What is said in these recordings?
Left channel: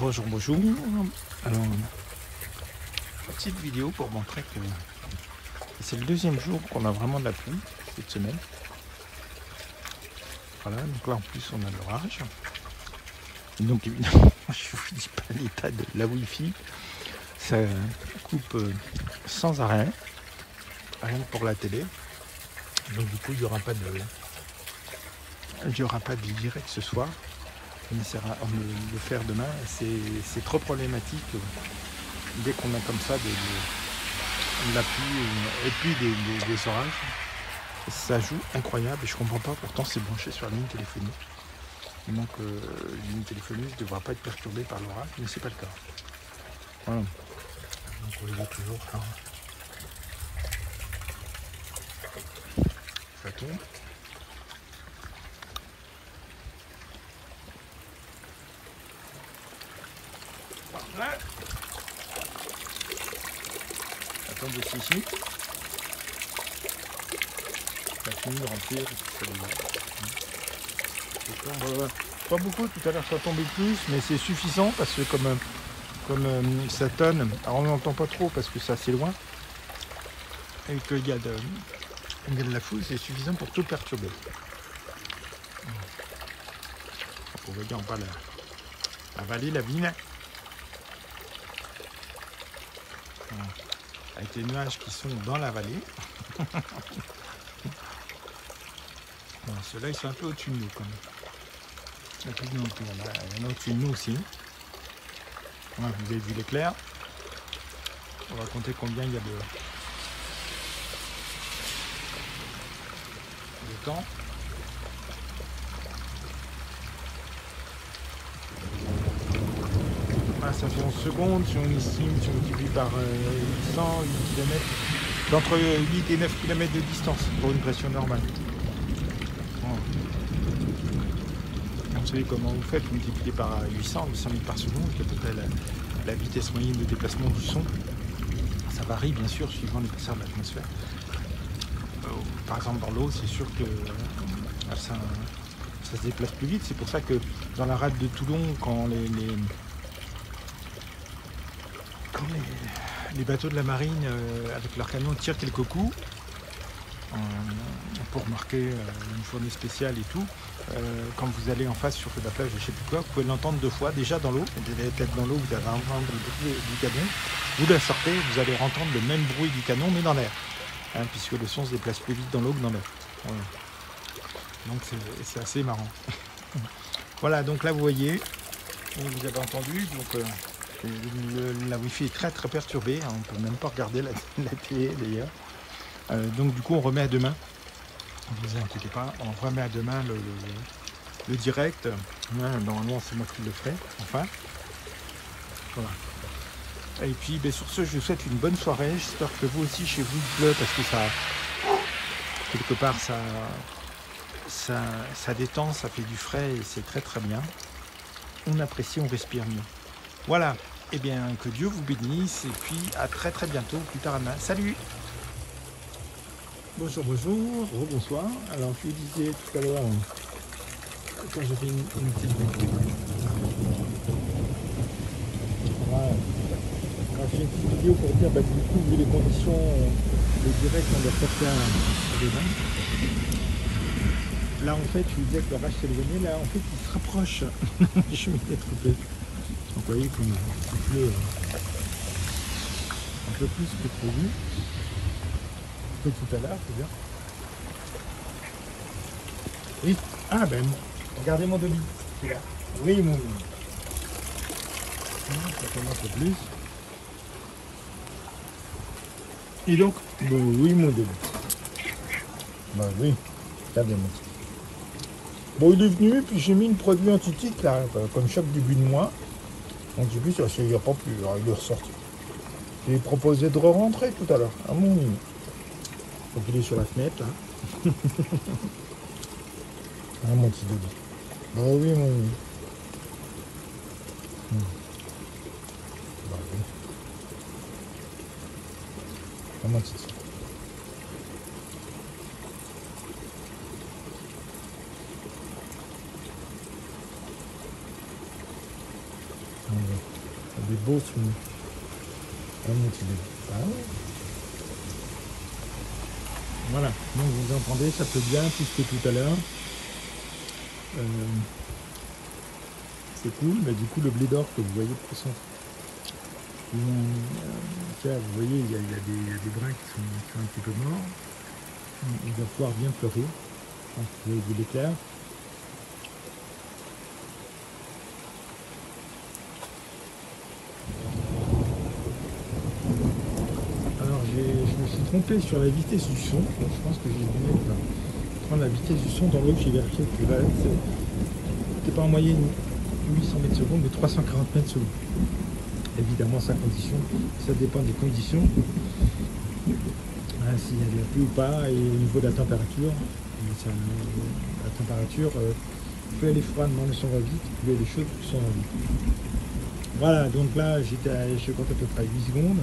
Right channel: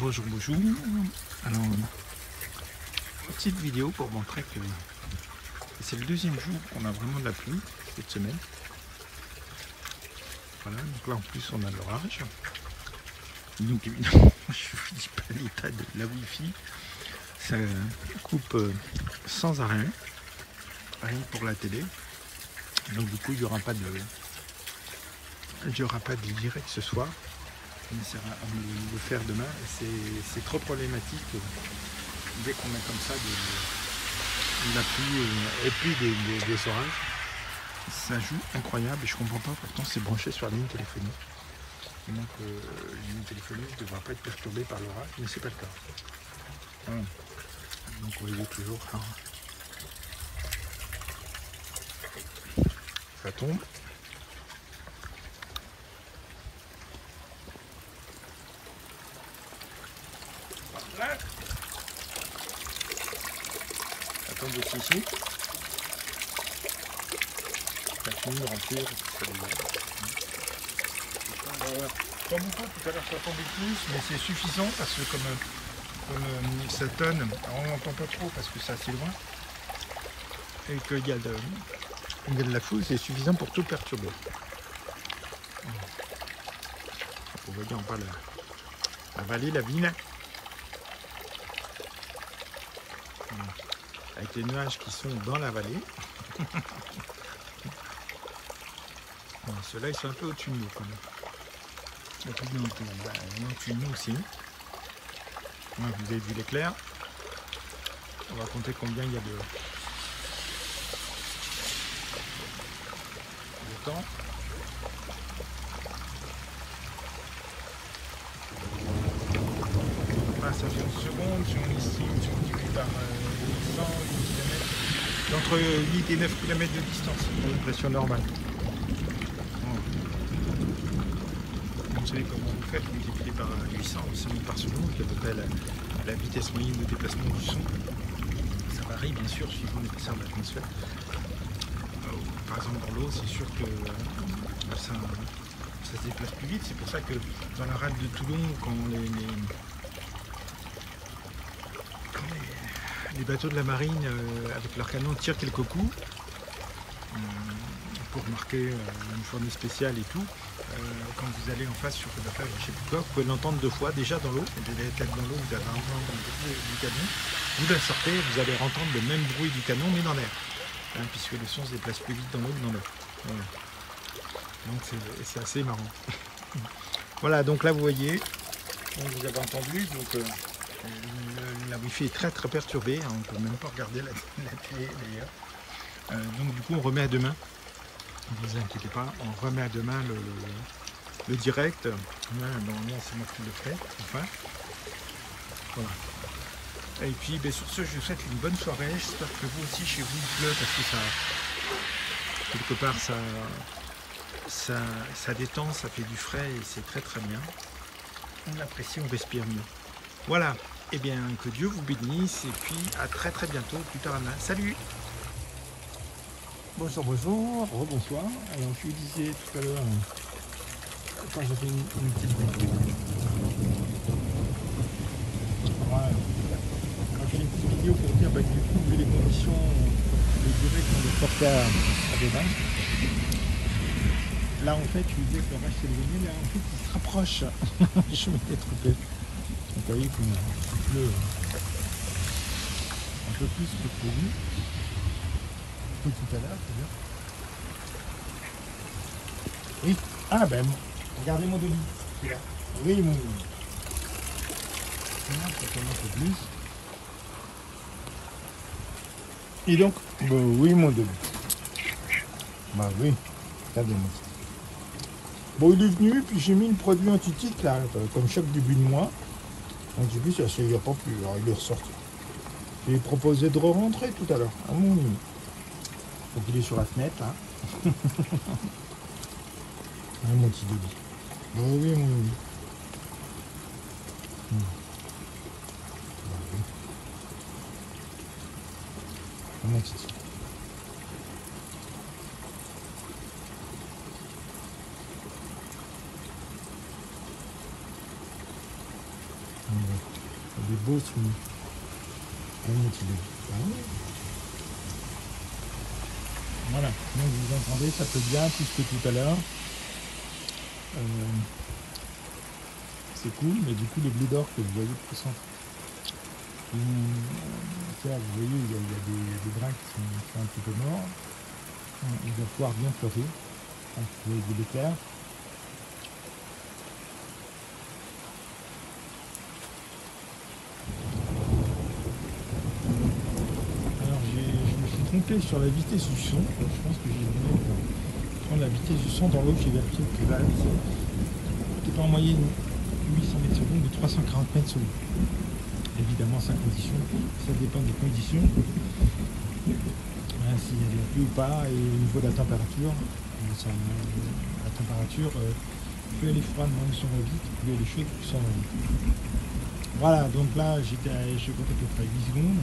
Bonjour, bonjour. Alors, une petite vidéo pour montrer que c'est le deuxième jour qu'on a vraiment de la pluie cette semaine. Voilà, donc là en plus on a de l'orage. Donc évidemment, je vous dis pas l'état de la Wi-Fi. Ça coupe sans arrêt, rien que pour la télé. Donc du coup il n'y aura pas de direct ce soir. On essaiera de le faire demain. C'est trop problématique dès qu'on a comme ça de la pluie et puis des orages. Ça joue incroyable et je comprends pas, pourtant c'est branché sur la ligne téléphonique. Et donc la ligne téléphonique ne devra pas être perturbée par l'orage, mais c'est pas le cas. Voilà. Donc on voit toujours ça tombe. Voilà. Ça tombe aussi ici. Ça finit de remplir. Pas beaucoup, tout à l'heure ça tombait plus, mais c'est suffisant parce que comme ça tonne, alors on n'entend pas trop parce que c'est assez loin et qu'il y a de la foule, c'est suffisant pour tout perturber. Donc on voit en bas la vallée, la ville. Voilà. Avec les nuages qui sont dans la vallée. Ceux-là ils sont un peu au-dessus de nous quand même. Il y en a au-dessus de nous aussi. Voilà, vous avez vu l'éclair. On va compter combien il y a de temps. Voilà, ça fait 11 secondes. Si on estime, si on multiplie par 100, 8 km, d'entre 8 et 9 km de distance pour une pression normale. Voilà. Vous savez comment vous faites, vous multipliez par 800 mètres par seconde, qui est à peu près la vitesse moyenne de déplacement du son. Ça varie bien sûr suivant l'épaisseur de l'atmosphère. Par exemple dans l'eau, c'est sûr que ça se déplace plus vite. C'est pour ça que dans la rade de Toulon, quand les bateaux de la marine avec leurs canons tirent quelques coups pour marquer une journée spéciale et tout, quand vous allez en face sur la plage, je sais plus quoi, vous pouvez l'entendre deux fois déjà dans l'eau. Vous allez être dans l'eau, vous allez entendre le bruit du canon. Vous la sortez, vous allez entendre le même bruit du canon mais dans l'air, hein, puisque le son se déplace plus vite dans l'eau que dans l'air. Voilà. Donc c'est assez marrant. Voilà, donc là vous voyez, vous avez entendu, donc la Wi-Fi est très perturbée, hein, on ne peut même pas regarder la télé d'ailleurs. Donc du coup on remet à demain. Ne vous inquiétez pas, on remet à demain le direct. Normalement, c'est moi qui le ferai, enfin. Voilà. Et puis, sur ce, je vous souhaite une bonne soirée. J'espère que vous aussi, chez vous, il pleut, parce que ça, quelque part, ça détend, ça fait du frais, et c'est très bien. On apprécie, on respire mieux. Voilà. Eh bien, que Dieu vous bénisse, et puis à très bientôt, plus tard à demain. Salut! Bonjour, bonsoir. Alors je vous disais tout à l'heure, quand j'ai fait une petite vidéo, voilà. On a fait une petite vidéo pour dire du coup, vu les conditions de direct qu'on doit porter à demain. Là en fait, je vous disais que la vache s'éloignait, là en fait il se rapproche. Je me mets trop. Donc vous voyez qu'on a soufflé un peu plus que prévu. Tout à l'heure, c'est bien. Oui. Ah ben, regardez mon demi. Là. Oui, mon demi. Ça commence un peu plus. Et donc, bon, oui, mon demi. Bah oui, ça bien, mon petit. Bon, il est venu, puis j'ai mis une produit anti-tique, là, comme chaque début de mois. Donc j'ai vu, ça ne s'y a pas plus. Alors, il est ressorti. J'ai proposé de re-rentrer tout à l'heure. Ah mon demi. Donc il est sur la fenêtre là. Ah, mon petit bébé. Bah oui, mon bébé. Bah oui. Ah, mon petit. des beaux fruits. Et mon petit bébé. Voilà, donc vous entendez, ça fait bien plus que tout à l'heure. C'est cool, mais du coup le blé d'or que vous voyez de façon, vous voyez, il y a des brins qui sont un petit peu morts. Il va pouvoir bien fleurir. Vous voyez du l'éclair. Alors je me suis trompé sur la vitesse du son. Je pense que j'ai dû prendre la vitesse du son dans l'autre, j'ai vérifié que là, c'était pas en moyenne 800 mètres secondes, de 340 mètres secondes. Évidemment, ça dépend des conditions. S'il y a des pluies ou pas, et au niveau de la température, la température, plus elle est froide, moins son va vite, plus elle est chaude, plus son va vite. Voilà, donc là, je compte à peu près 8 secondes.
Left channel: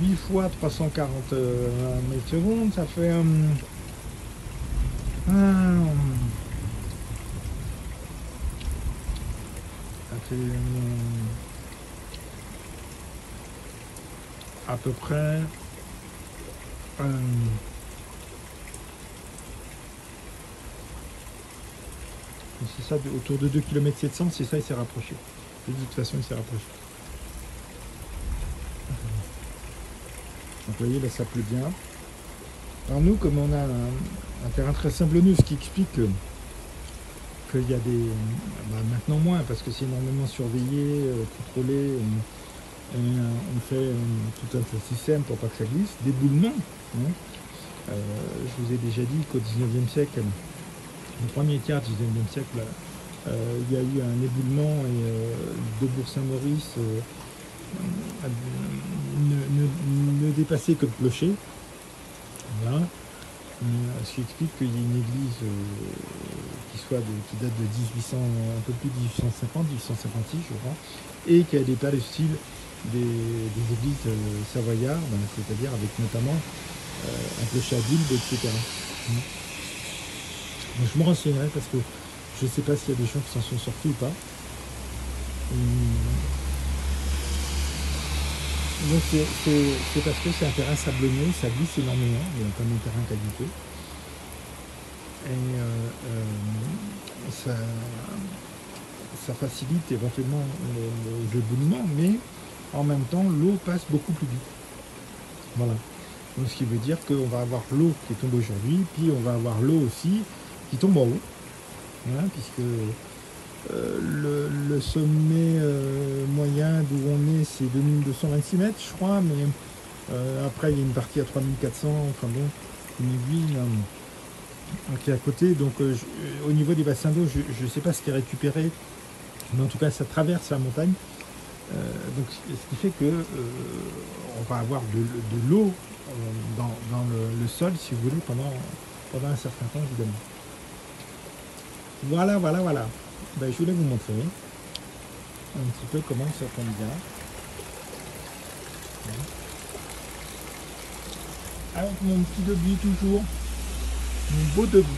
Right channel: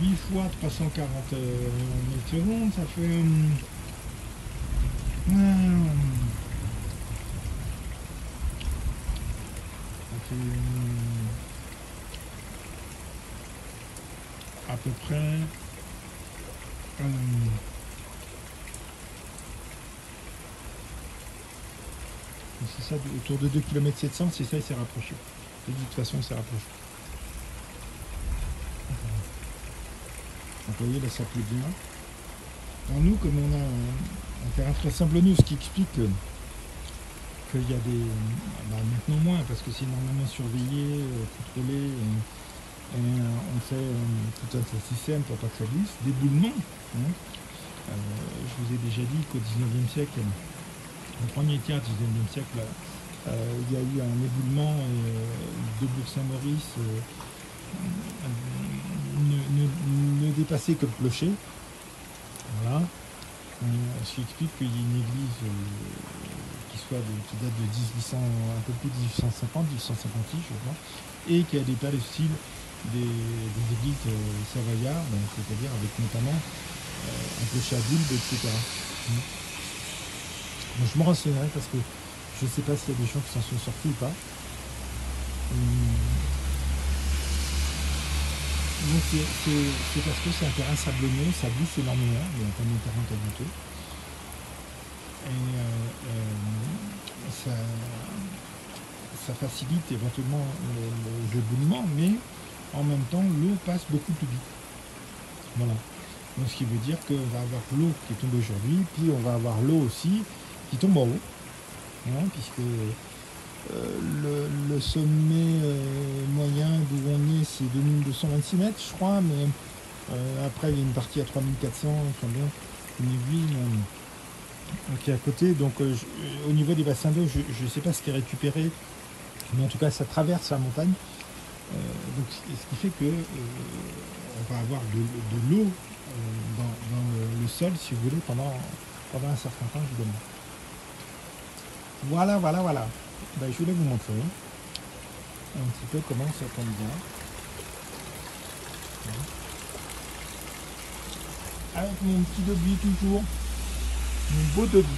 8 fois 340 mètres secondes, ça fait... à peu près c'est ça, autour de 2 km 700, c'est ça, il s'est rapproché. De toute façon, il s'est rapproché. Donc, vous voyez, là, ça pleut bien. Alors nous, comme on a un terrain très sablonneux, ce qui explique qu'il y a des... maintenant moins, parce que c'est énormément surveillé, contrôlé, on fait tout un système pour pas que ça glisse. D'éboulement. Je vous ai déjà dit qu'au 19e siècle, au premier tiers du 19e siècle, il y a eu un éboulement de Bourg-Saint-Maurice ne dépassait que le clocher. Voilà. Ce qui explique qu'il y ait une église qui date de 1800, un peu plus de 1850, 1856, je crois, et qui a des tas de style des églises savoyardes, c'est-à-dire avec notamment un clocher à bulbe, etc. Donc, je me renseignerai parce que je ne sais pas s'il y a des gens qui s'en sont sortis ou pas. Donc c'est parce que c'est un terrain sablonneux, ça glisse énormément, il y a comme un terrain caillouteux. Et ça facilite éventuellement les éboulements, mais en même temps l'eau passe beaucoup plus vite. Voilà. Donc ce qui veut dire qu'on va avoir l'eau qui est tombée aujourd'hui, puis on va avoir l'eau aussi qui tombe en haut. Voilà, puisque le sommet moyen d'où on est, c'est 2226 mètres, je crois, mais après il y a une partie à 3400, enfin bon, une aiguille qui est à côté. Donc au niveau des bassins d'eau, je ne sais pas ce qui est récupéré, mais en tout cas ça traverse la montagne. Donc ce qui fait que on va avoir de l'eau dans le sol, si vous voulez, pendant un certain temps, évidemment. Voilà. Ben, je voulais vous montrer un petit peu comment ça tombe bien. Avec mon petit débit toujours. Mon beau débit.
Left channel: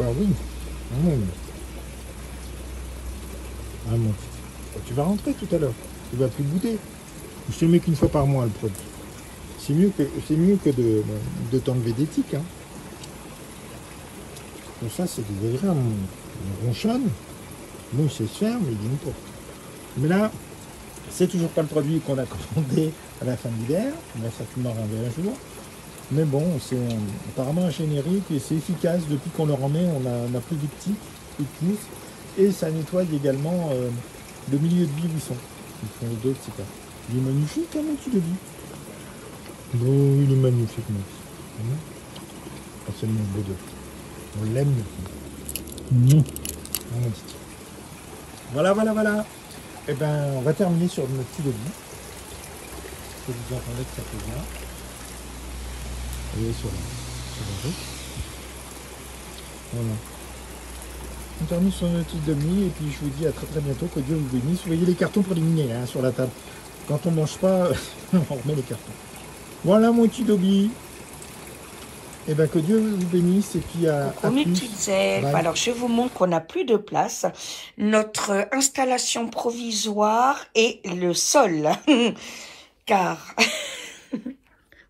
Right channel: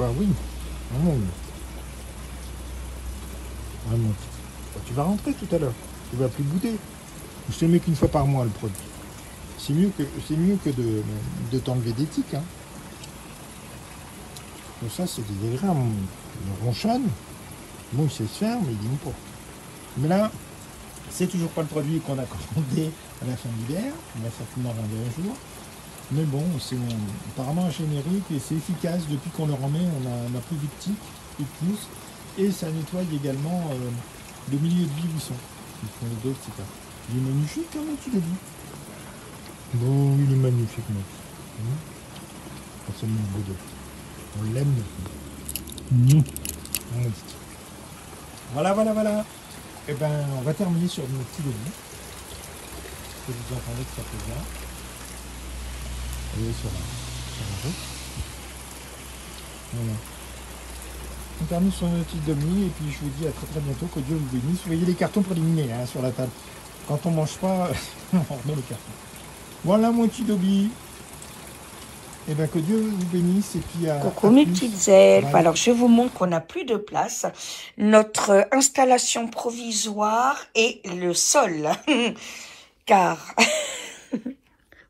Ah oui. Ah non. Tu vas rentrer tout à l'heure. Tu vas plus goûter. Je te mets qu'une fois par mois le produit. C'est mieux que de t'enlever des tiques. Hein. Bon, ça c'est désagréable. On ronchonne. Bon, c'est faire, mais il dit pas. Mais là, c'est toujours pas le produit qu'on a commandé à la fin de l'hiver. On va certainement rendre un jour. Mais bon, c'est apparemment un générique et c'est efficace. Depuis qu'on le remet, on a plus de tiques, plus de pouces. Et ça nettoie également le milieu de vie où ils sont. Ils font les deux, etc. Il est magnifique, hein, mon petit début. Bon, il est magnifique, mon petit. Pas seulement beau début. On l'aime. Voilà. Et ben, on va terminer sur notre petit début. Que vous entendez que ça fait bien. Et sur la route. On termine sur notre petit demi et puis je vous dis à très bientôt, que Dieu vous bénisse. Vous voyez les cartons pour les miner hein, sur la table. Quand on mange pas, on remet les cartons. Voilà mon petit dobi. Et bien que Dieu vous bénisse et puis à Coucou mes petites elfes. Bye. Alors je vous montre qu'on n'a plus de place. Notre installation provisoire est le sol. Car...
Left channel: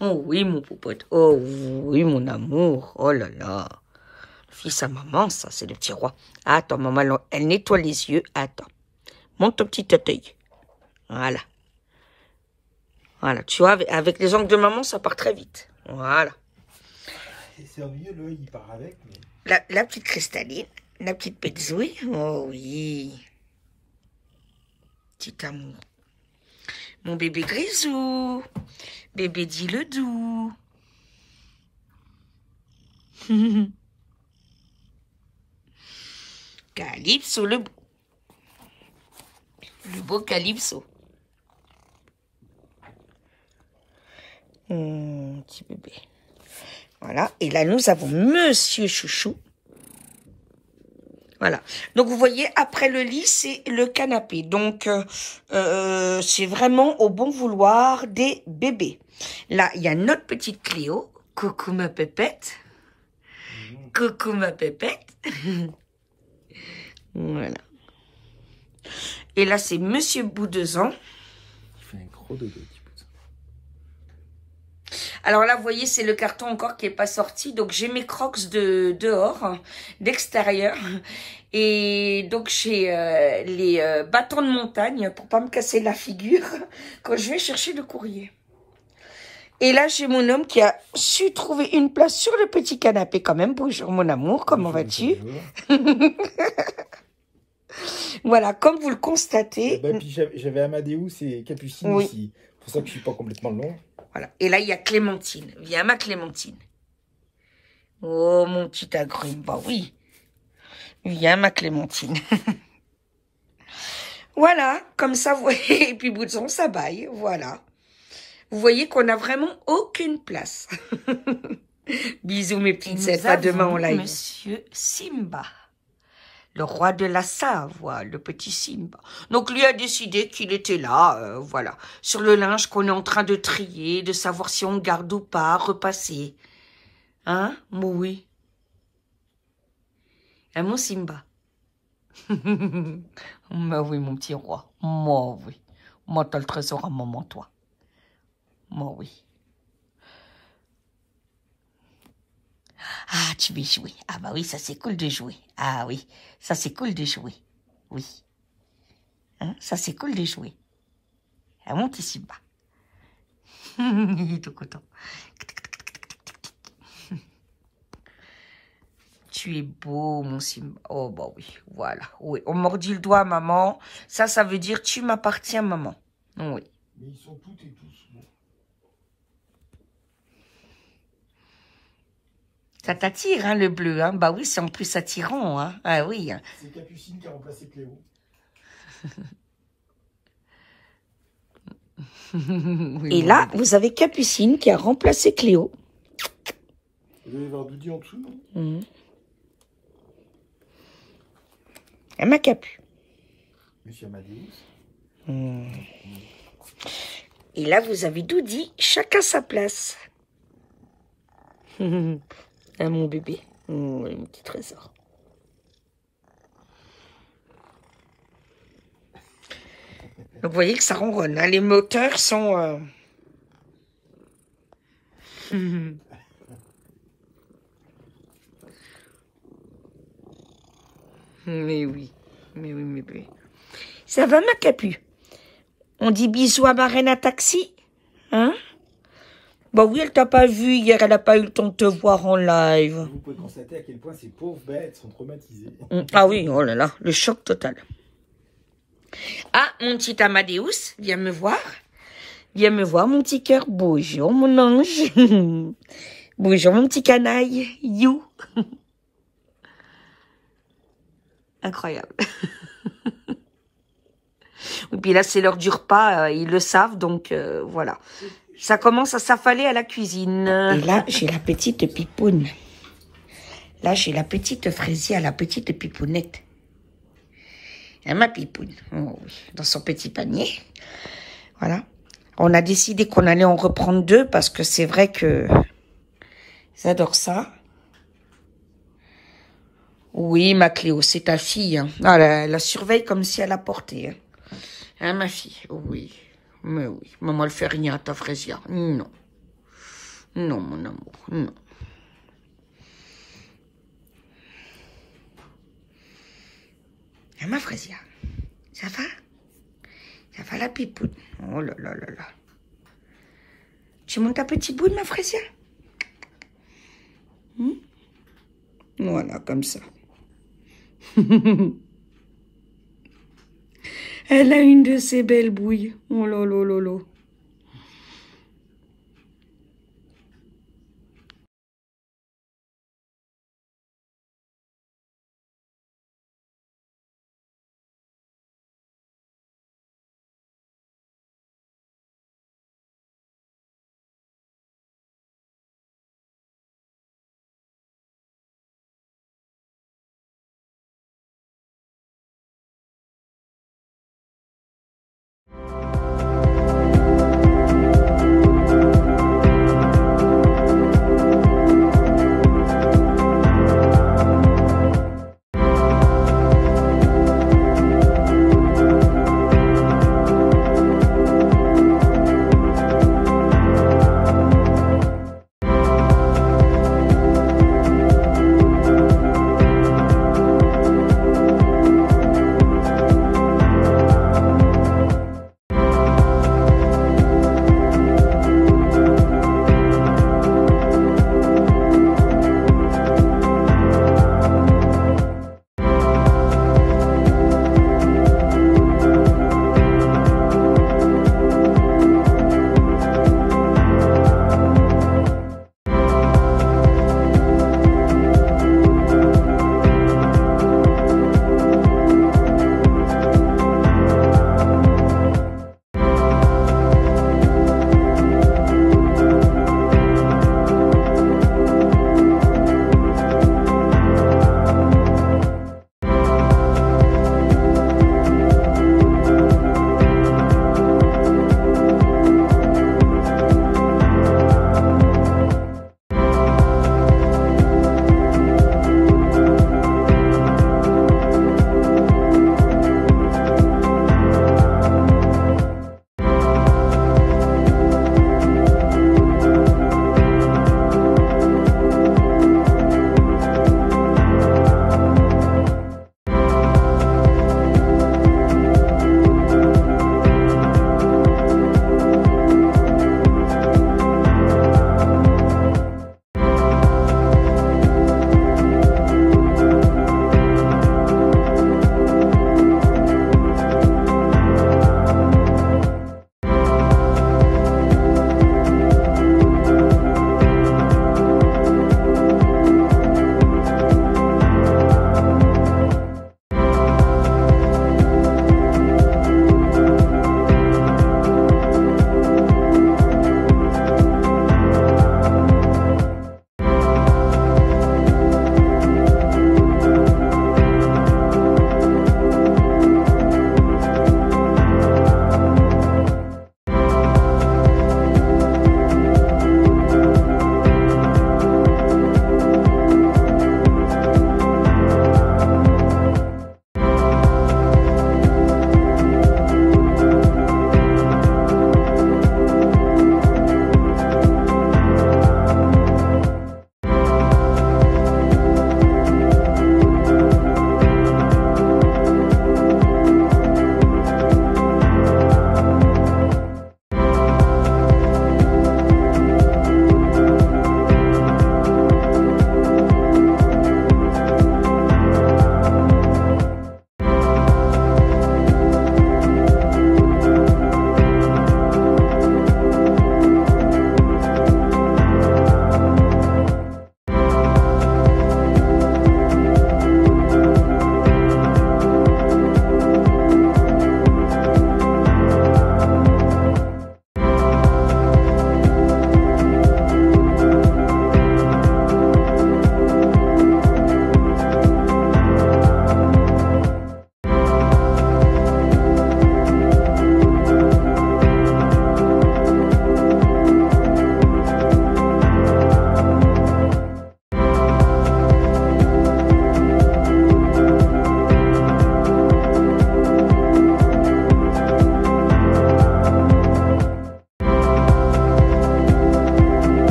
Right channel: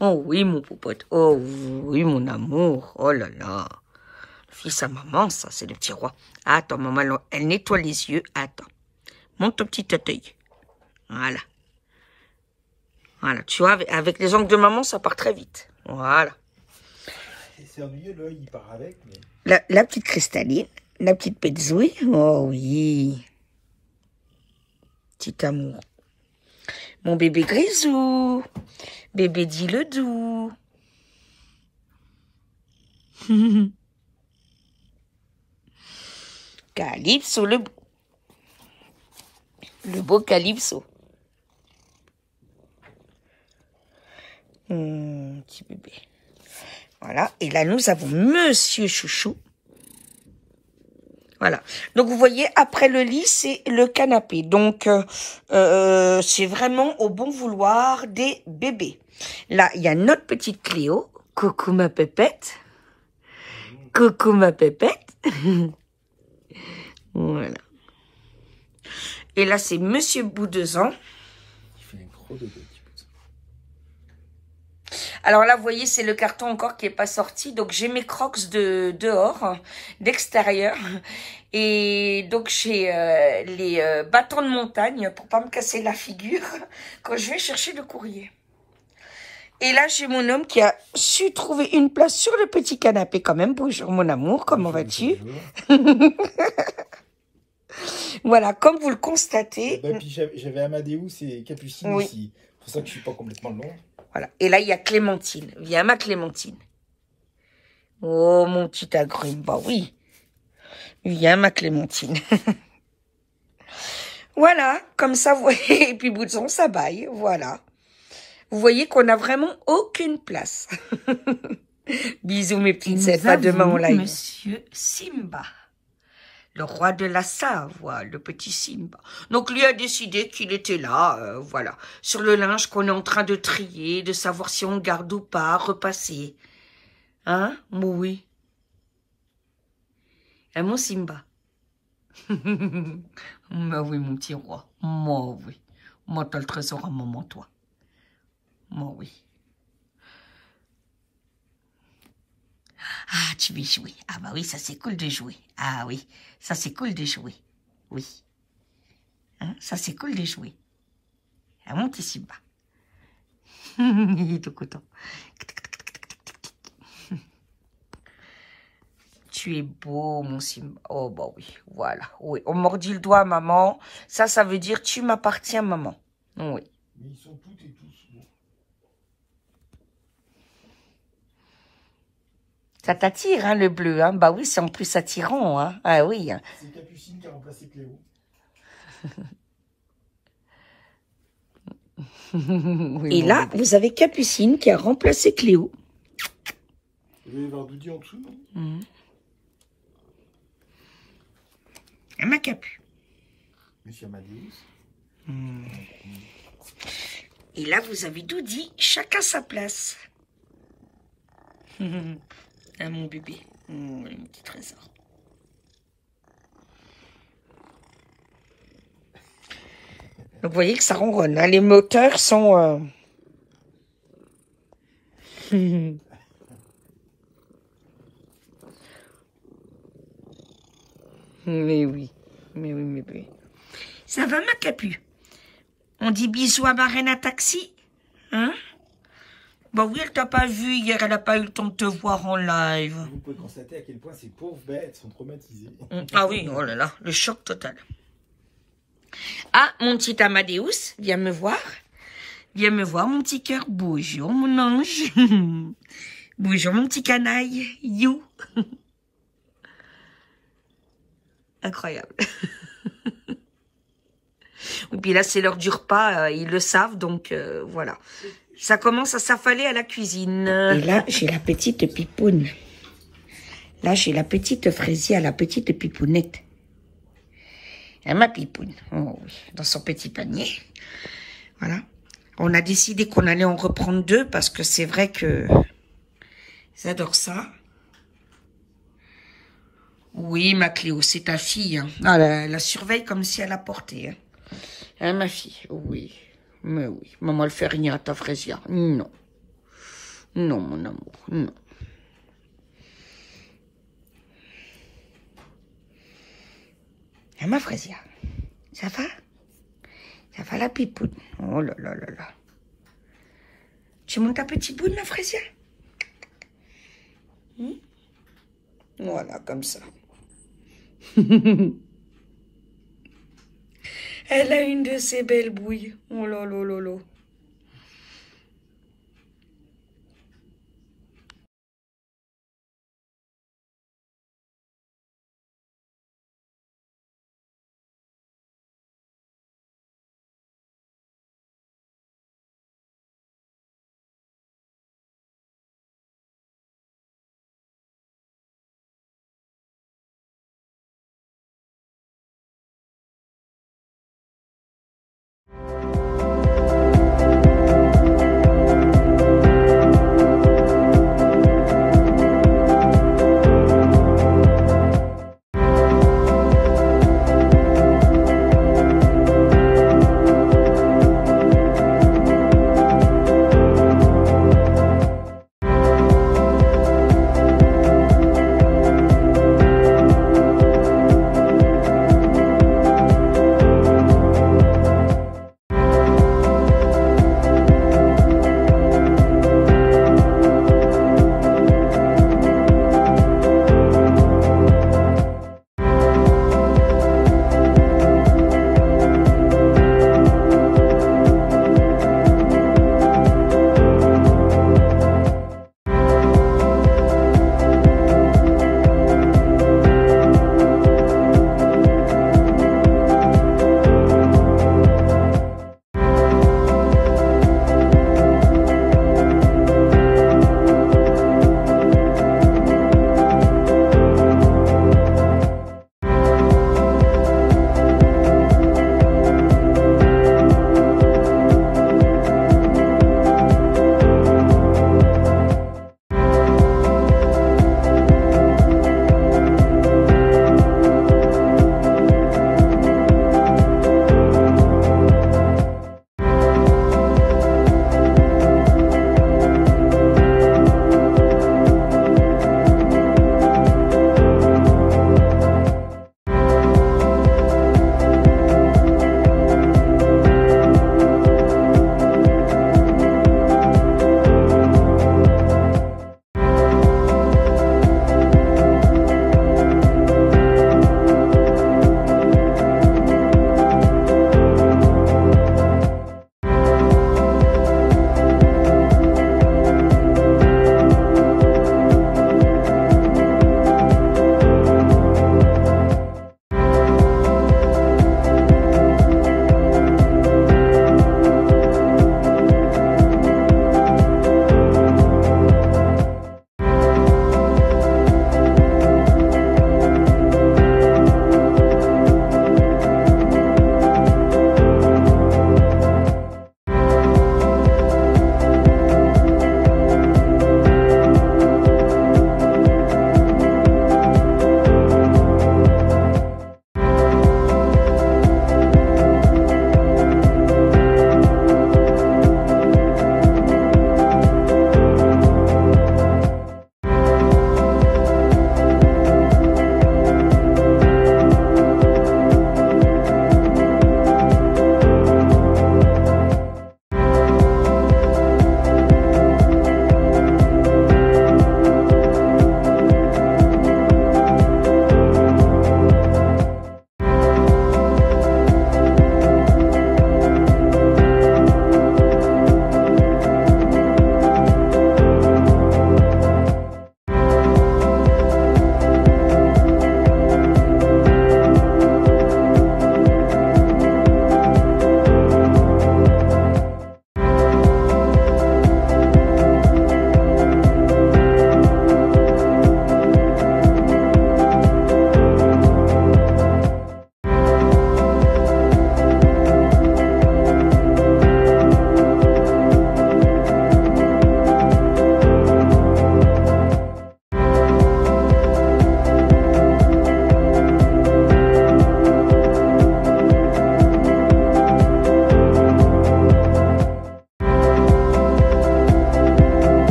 Oh oui mon popote. Oh oui mon amour. Oh là là. Fils à maman, ça c'est le petit roi. Attends maman, elle nettoie les yeux. Attends. Monte ton petit œil. Voilà. Voilà, tu vois, avec les ongles de maman, ça part très vite. Voilà. C'est ennuyeux, l'œil, il part avec. Mais... La petite cristalline, la petite Pétzouille. Oh oui. Petit amour. Mon bébé grisou. Bébé dit le doux. Calypso, le beau Calypso. Petit bébé. Voilà. Et là, nous avons Monsieur Chouchou. Voilà. Donc, vous voyez, après le lit, c'est le canapé. Donc, c'est vraiment au bon vouloir des bébés. Là, il y a notre petite Cléo. Coucou ma pépette. Coucou ma pépette. Voilà. Et là, c'est Monsieur Boudezan. Il fait un gros dodo. Alors là, vous voyez, c'est le carton encore qui est pas sorti. Donc, j'ai mes crocs de dehors, d'extérieur. Et donc, j'ai les bâtons de montagne pour pas me casser la figure quand je vais chercher le courrier. Et là, j'ai mon homme qui a su trouver une place sur le petit canapé quand même. Bonjour, mon amour. Comment vas-tu? Voilà, comme vous le constatez. Bah, puis j'avais Amadeus et Capucine oui. ici. C'est pour ça que je suis pas complètement long. Voilà. Et là, il y a Clémentine. Viens, ma Clémentine. Oh, mon petit agrume. Bah oui. Viens, ma Clémentine. Voilà. Comme ça, vous voyez. Et puis, Boudson, ça baille. Voilà. Vous voyez qu'on n'a vraiment aucune place. Bisous, mes petites elfes. À demain en live. Monsieur Simba. Le roi de la Savoie, le petit Simba. Donc, lui a décidé qu'il était là, voilà, sur le linge qu'on est en train de trier, de savoir si on le garde ou pas, repasser. Hein? Oui. Hein, mon Simba? Mais oui, mon petit roi. Moi, oui. Moi, t'as le trésor à maman, toi. Moi, oui. Ah, tu veux jouer. Ah bah oui, ça c'est cool de jouer. Ah oui, ça c'est cool de jouer. Oui. Hein, ça c'est cool de jouer. Ah, mon petit Simba. Il est tout content. Tu es beau, mon Simba. Oh bah oui, voilà. Oui, on mordit le doigt, maman. Ça veut dire tu m'appartiens, maman. Oui. Mais ils sont toutes et tous. Ça t'attire, hein, le bleu, hein? Bah oui, c'est en plus attirant, hein? Ah oui. C'est Capucine qui a remplacé Cléo. Oui, et là, vous avez Capucine qui a remplacé Cléo. Vous allez voir Doudi en dessous, non? Elle m'a Capu. Monsieur Amadeus. Et là, vous avez Doudi, chacun sa place. Ah, mon bébé. Oh, mon petit trésor. Donc, vous voyez que ça ronronne. Hein, les moteurs sont... Mais oui. Mais oui, mais oui. Ça va, ma Capu? On dit bisous à ma reine à taxi? Hein? Bah oui, elle t'a pas vu hier, elle a pas eu le temps de te voir en live. Vous pouvez constater à quel point ces pauvres bêtes sont traumatisées. Ah oui, oh là là, le choc total. Ah, mon petit Amadeus, viens me voir. Viens me voir, mon petit cœur. Bonjour, mon ange. Bonjour, mon petit canaille. You. Incroyable. Et puis là, c'est l'heure du repas, ils le savent, donc voilà. Ça commence à s'affaler à la cuisine. Et là, j'ai la petite pipoune. Là, j'ai la petite fraisier à la petite pipounette. Et ma pipoune, oh oui, dans son petit panier. Voilà. On a décidé qu'on allait en reprendre 2 parce que c'est vrai que J'adore ça. Oui, ma Cléo, c'est ta fille. Hein. Ah, la surveille comme si elle a porté. Hein. Hein, ma fille, oui. Mais oui. Maman, elle fait rien à ta Frésia. Non. Non, mon amour, non. Hein, ma Frésia, ça va? Ça va la pipoune? Oh là là là là. Tu montes ta petite boule, ma Frésia? Voilà, comme ça. Elle a une de ces belles bouilles. Oh là là là là.